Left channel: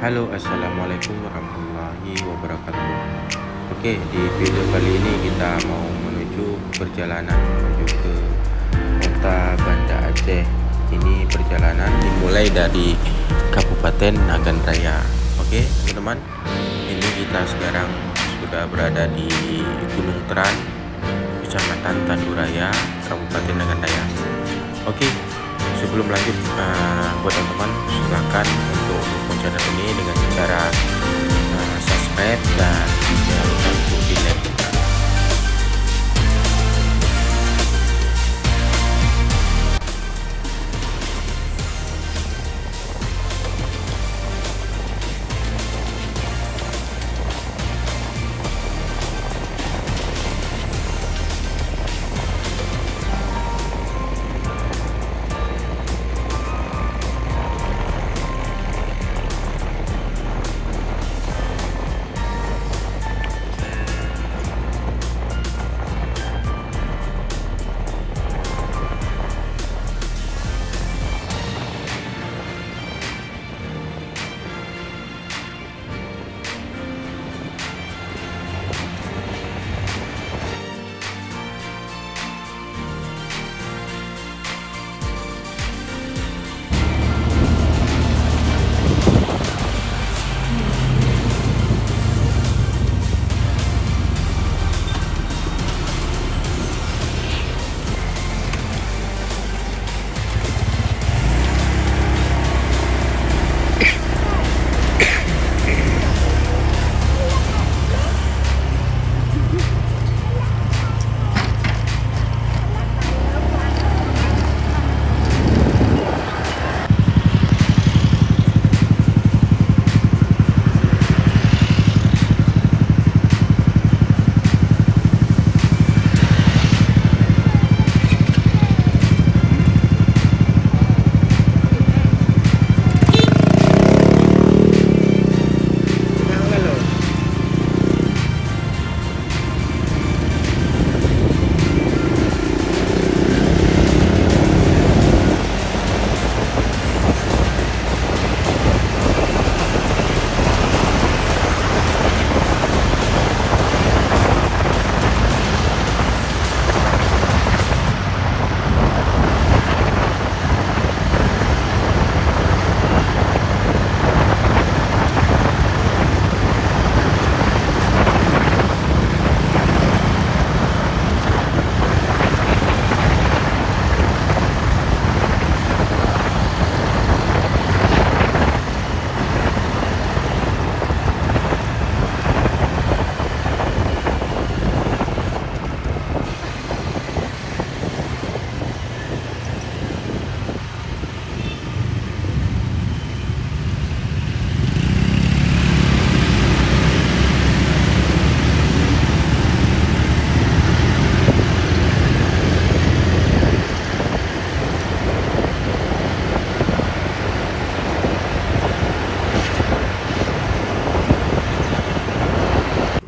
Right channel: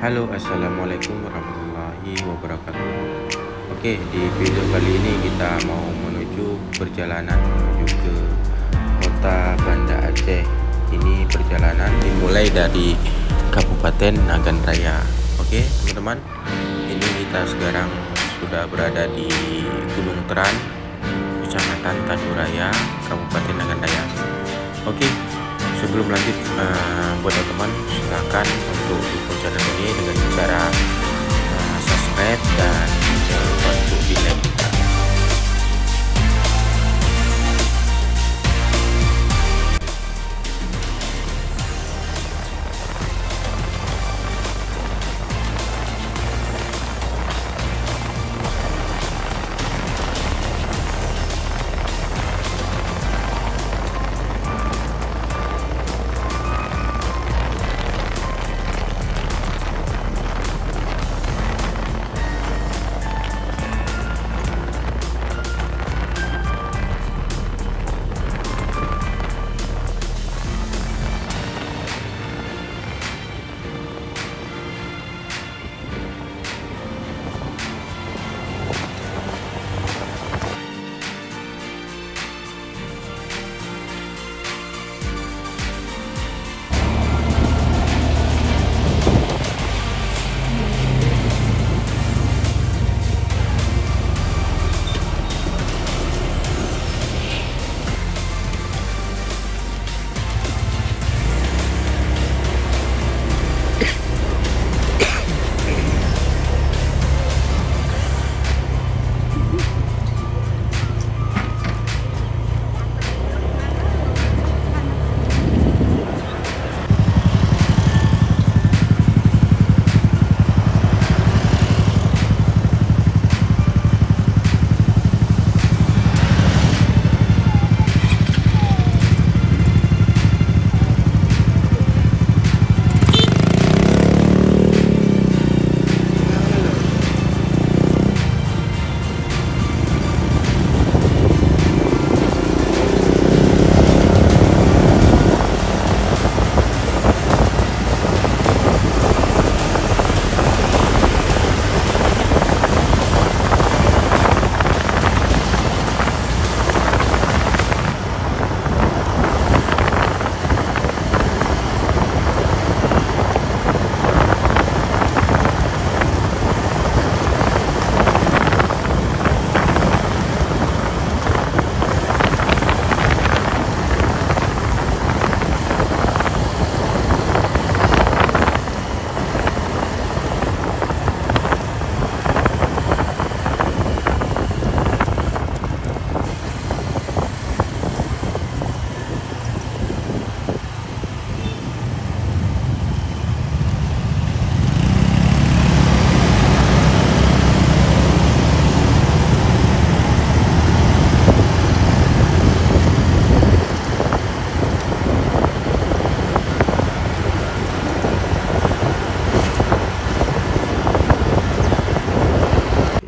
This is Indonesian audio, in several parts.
Halo, assalamualaikum warahmatullahi wabarakatuh. Oke, di video kali ini kita mau menuju perjalanan menuju ke kota Banda Aceh. Ini perjalanan dimulai dari Kabupaten Nagan Raya. Oke, teman-teman, ini kita sekarang sudah berada di Gunung Teran, Kecamatan Tanduraya, Kabupaten Nagan Raya. Oke, sebelum lanjut, buat teman-teman silahkan untuk dukung channel ini dengan cara subscribe dan jangan lupa untuk di like juga.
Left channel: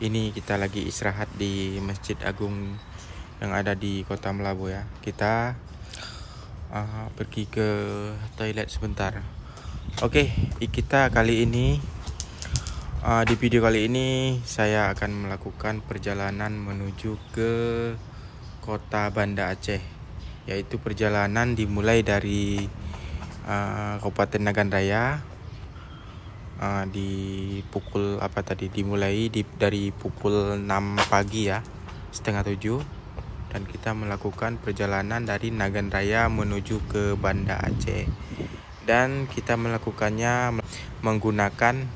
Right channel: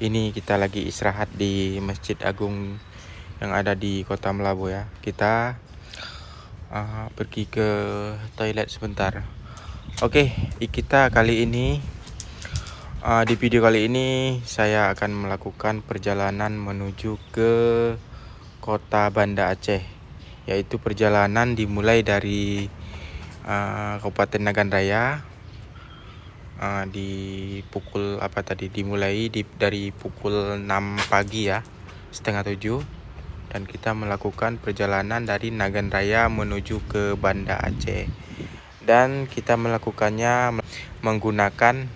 Ini kita lagi istirahat di Masjid Agung yang ada di Kota Melabu ya. Kita pergi ke toilet sebentar. Oke, kita kali ini di video kali ini saya akan melakukan perjalanan menuju ke Kota Banda Aceh, yaitu perjalanan dimulai dari Kabupaten Nagan Raya. Dimulai dari pukul 6 pagi ya, setengah 7, dan kita melakukan perjalanan dari Nagan Raya menuju ke Banda Aceh, dan kita melakukannya menggunakan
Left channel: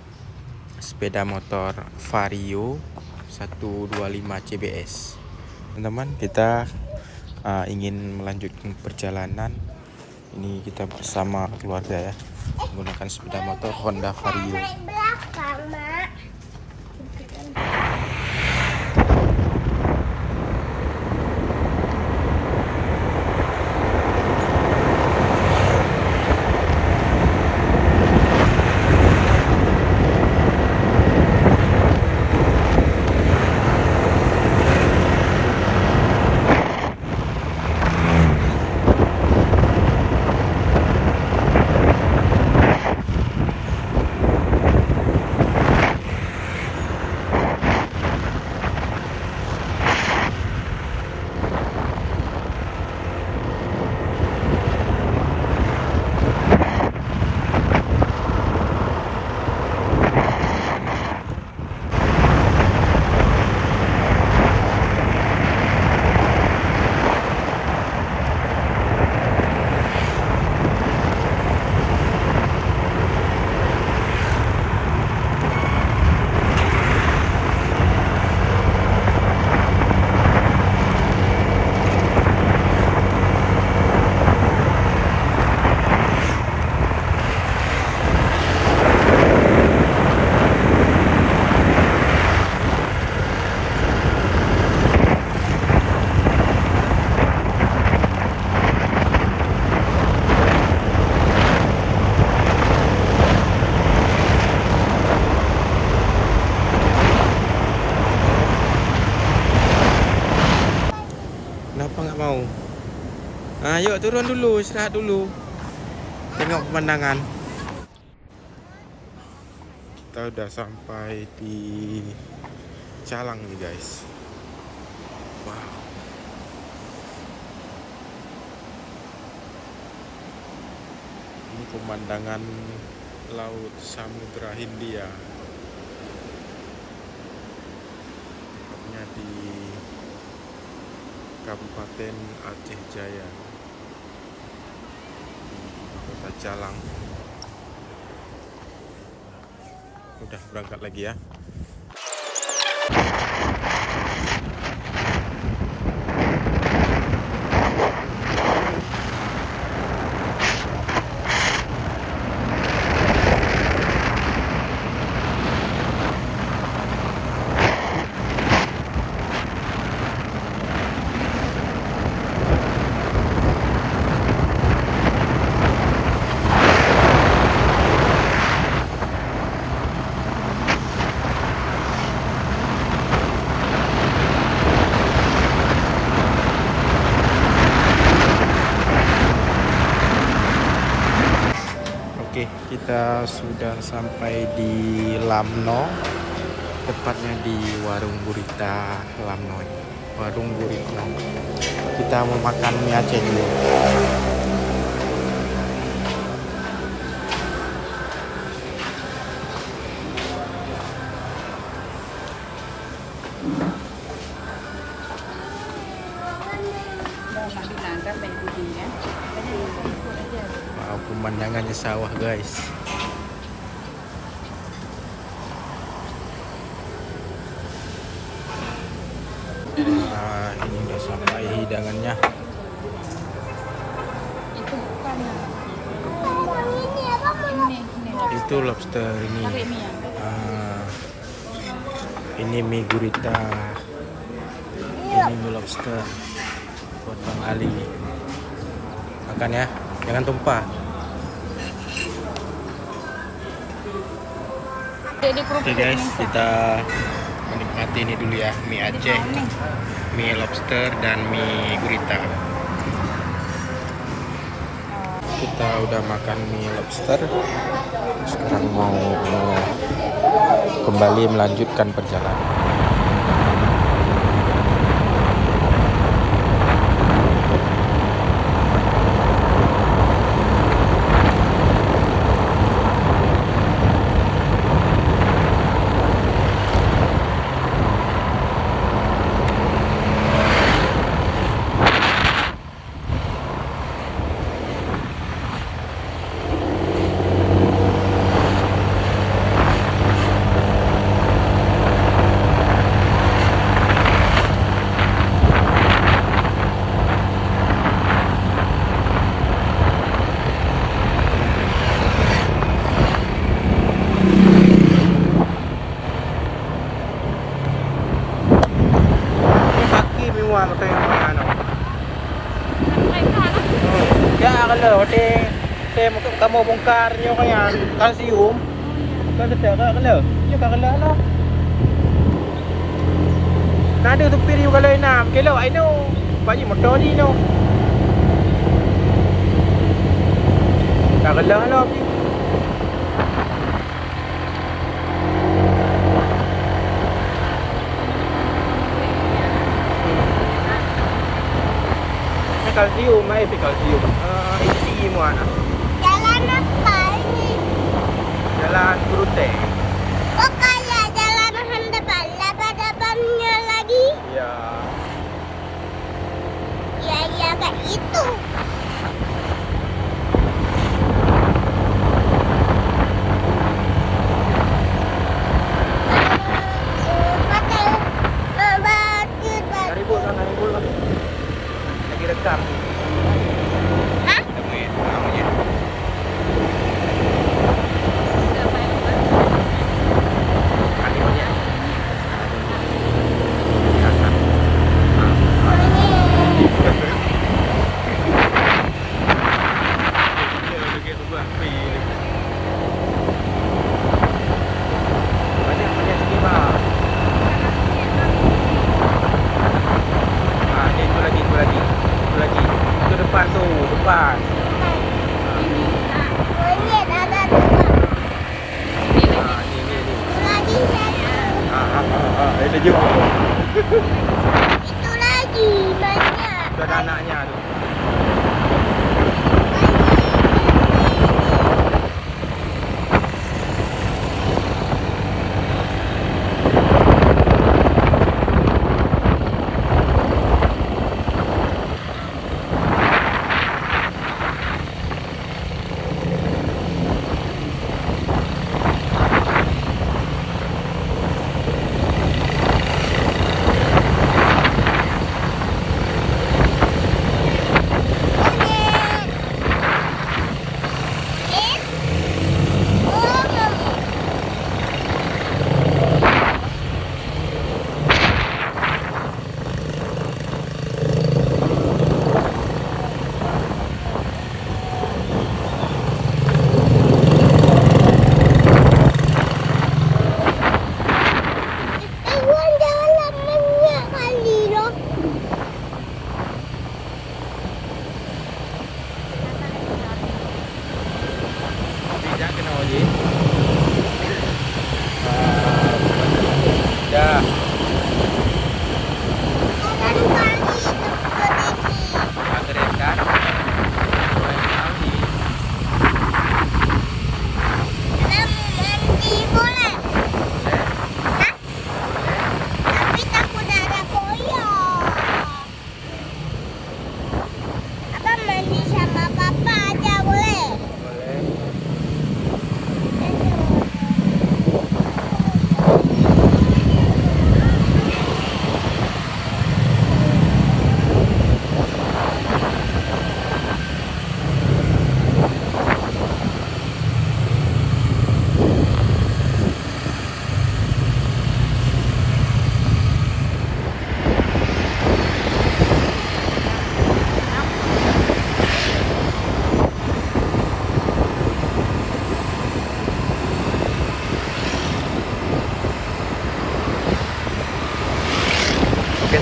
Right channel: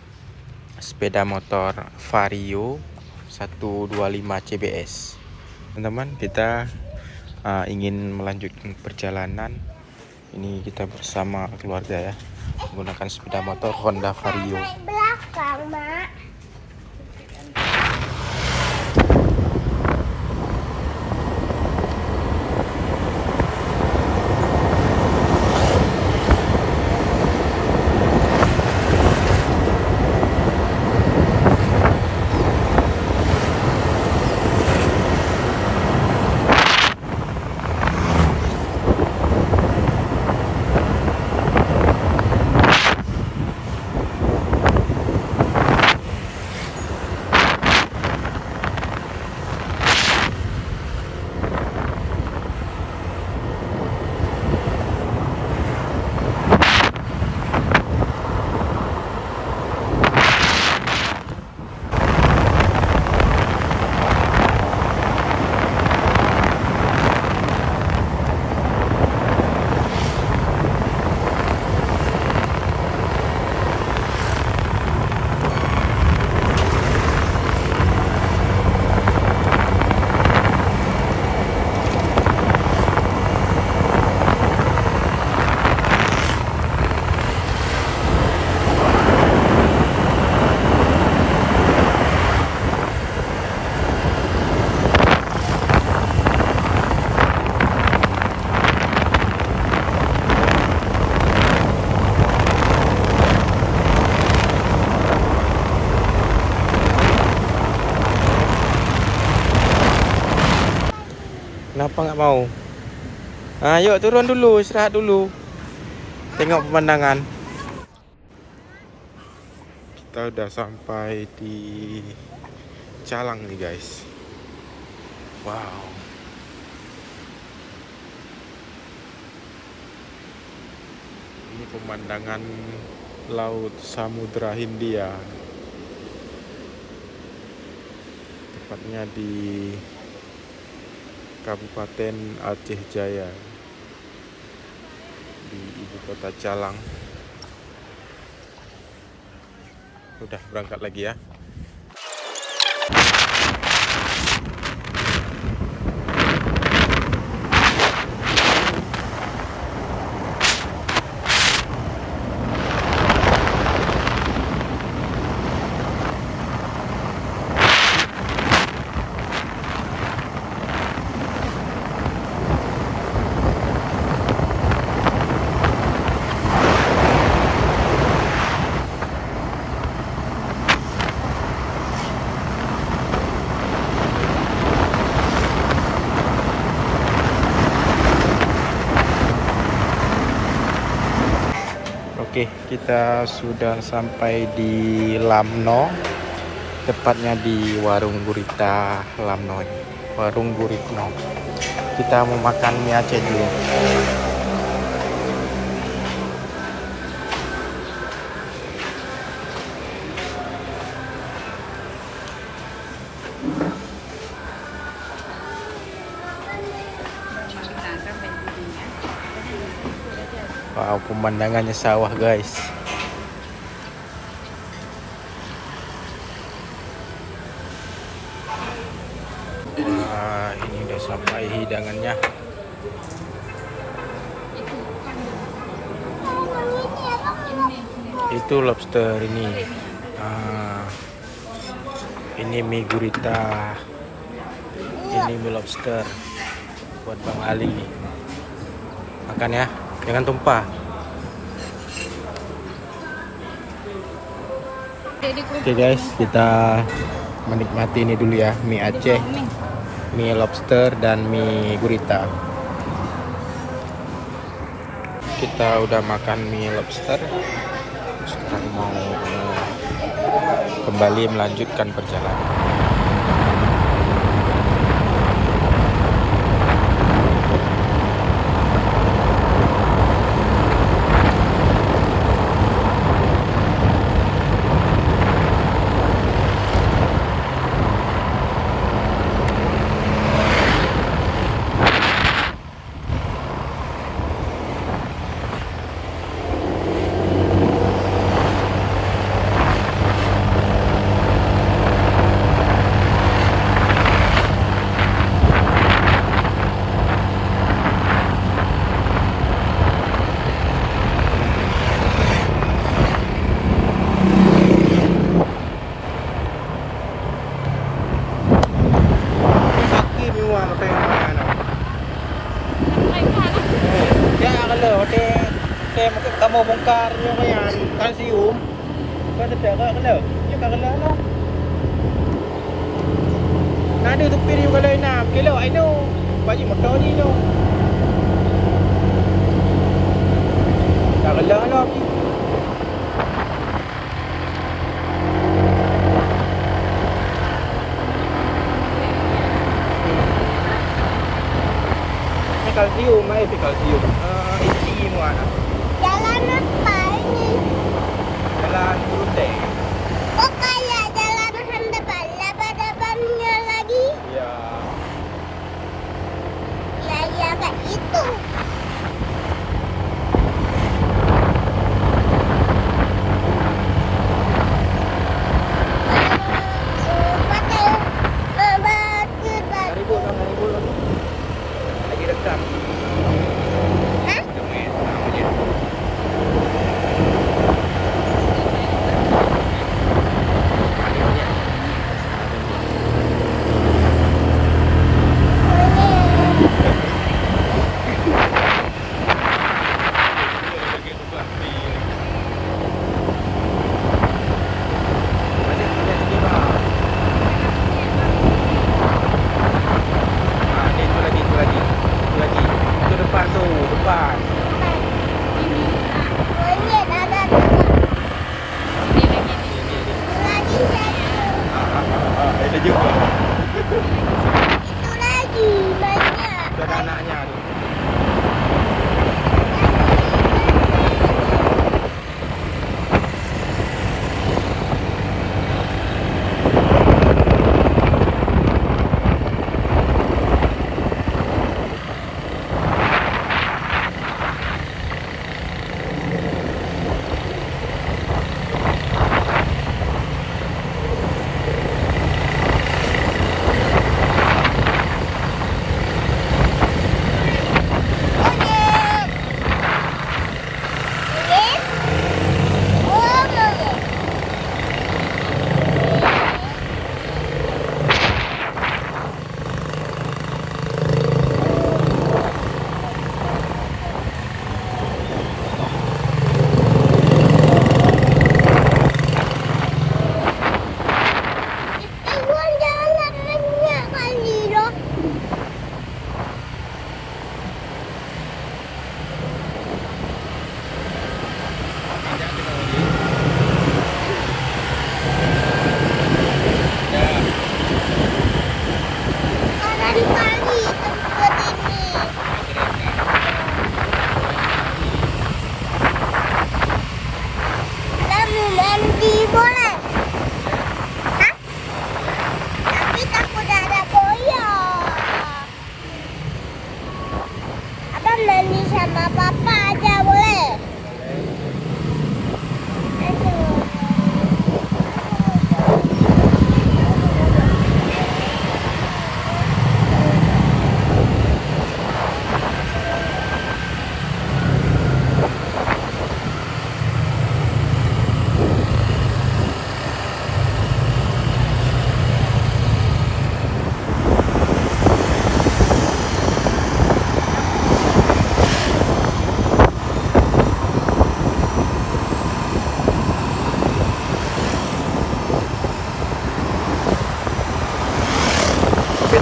sepeda motor Vario 125 CBS. Teman-teman, kita ingin melanjutkan perjalanan ini, kita bersama keluarga ya, menggunakan sepeda motor Honda Vario. nggak mau. Ayo turun dulu, istirahat dulu. Tengok pemandangan. Kita udah sampai di Calang nih guys. Wow. Ini pemandangan Laut Samudra Hindia. Tepatnya di Kabupaten Aceh Jaya, di ibu kota Calang. Udah berangkat lagi ya. Oke, kita sudah sampai di Lamno, tepatnya di Warung Gurita Lamno. Warung Guritno. Kita mau makan mie Aceh dulu. Wow, pemandangannya sawah guys. Wah, ini udah sampai hidangannya. Itu lobster ini. Ini mie gurita. Ini mie lobster buat Bang Ali. Makan ya, jangan tumpah. Oke guys, kita menikmati ini dulu ya, mie Aceh, mie lobster dan mie gurita. Kita udah makan mie lobster. Sekarang mau kembali melanjutkan perjalanan. Kamu bongkar nyo kaya kalsium. Nado tuktin yung kalay na kilaw ay no. Bayi magdodi no. Kakala no. Kalsium, may kalsium. Yung mana? Jalan apa ini? Jalan Gurute. Kok kayak jalan depan? Ada depannya lagi? Ya. Ya kayak itu.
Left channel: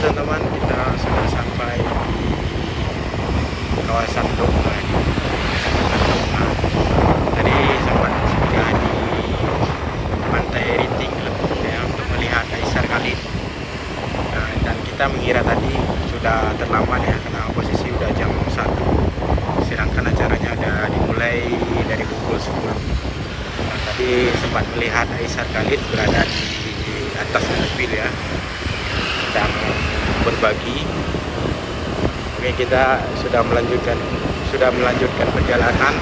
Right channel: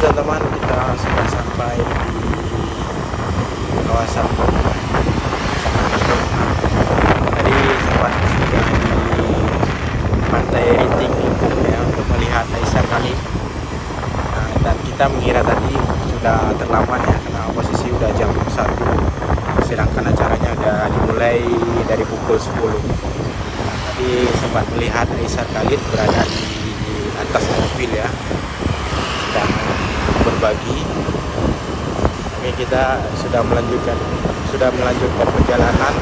teman-teman, kita sudah sampai di kawasan Dongma, Kecamatan Dongma. Tadi sempat singgah di Pantai Riting ya, untuk melihat Kaisar Khalid. Nah, dan kita mengira tadi sudah terlambat ya, karena posisi udah jam 1, sedangkan acaranya udah dimulai dari pukul 10. Nah, tadi sempat melihat Kaisar Khalid berada di atas mobil ya, sedang berbagi. Oke, kita sudah melanjutkan perjalanan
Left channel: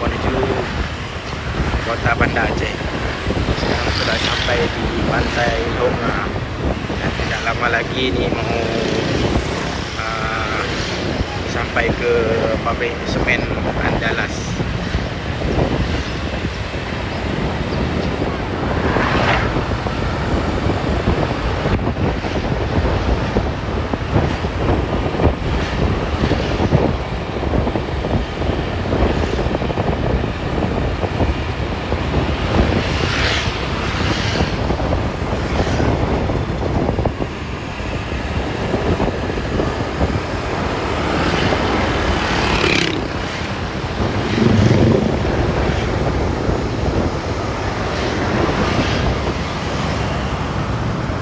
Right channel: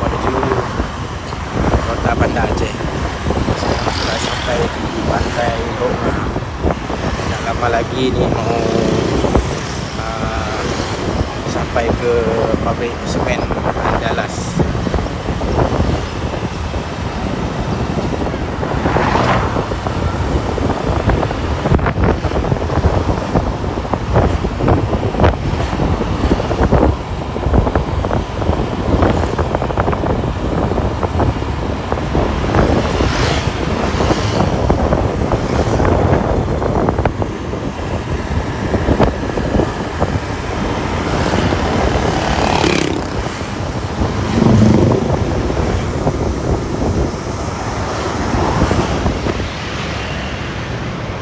menuju kota Banda Aceh. Sekarang sudah sampai di Pantai Dongma dan tidak lama lagi ini mau sampai ke pabrik semen Andalas.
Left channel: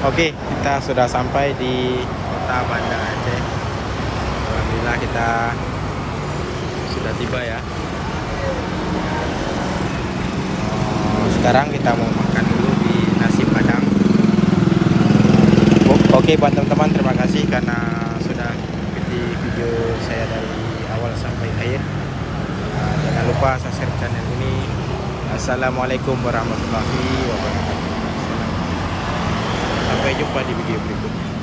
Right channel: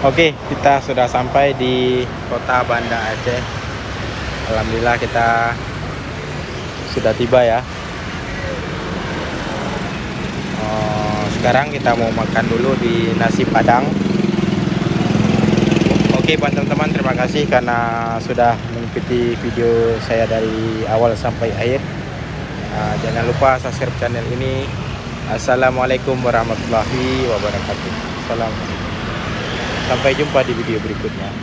Oke, kita sudah sampai di kota Banda Aceh. Alhamdulillah kita sudah tiba ya. Sekarang kita mau makan dulu di nasi padang. Oke teman-teman, terima kasih karena sudah mengikuti video saya dari awal sampai akhir. Jangan lupa subscribe channel ini. Assalamualaikum warahmatullahi wabarakatuh. Sampai jumpa di video berikutnya.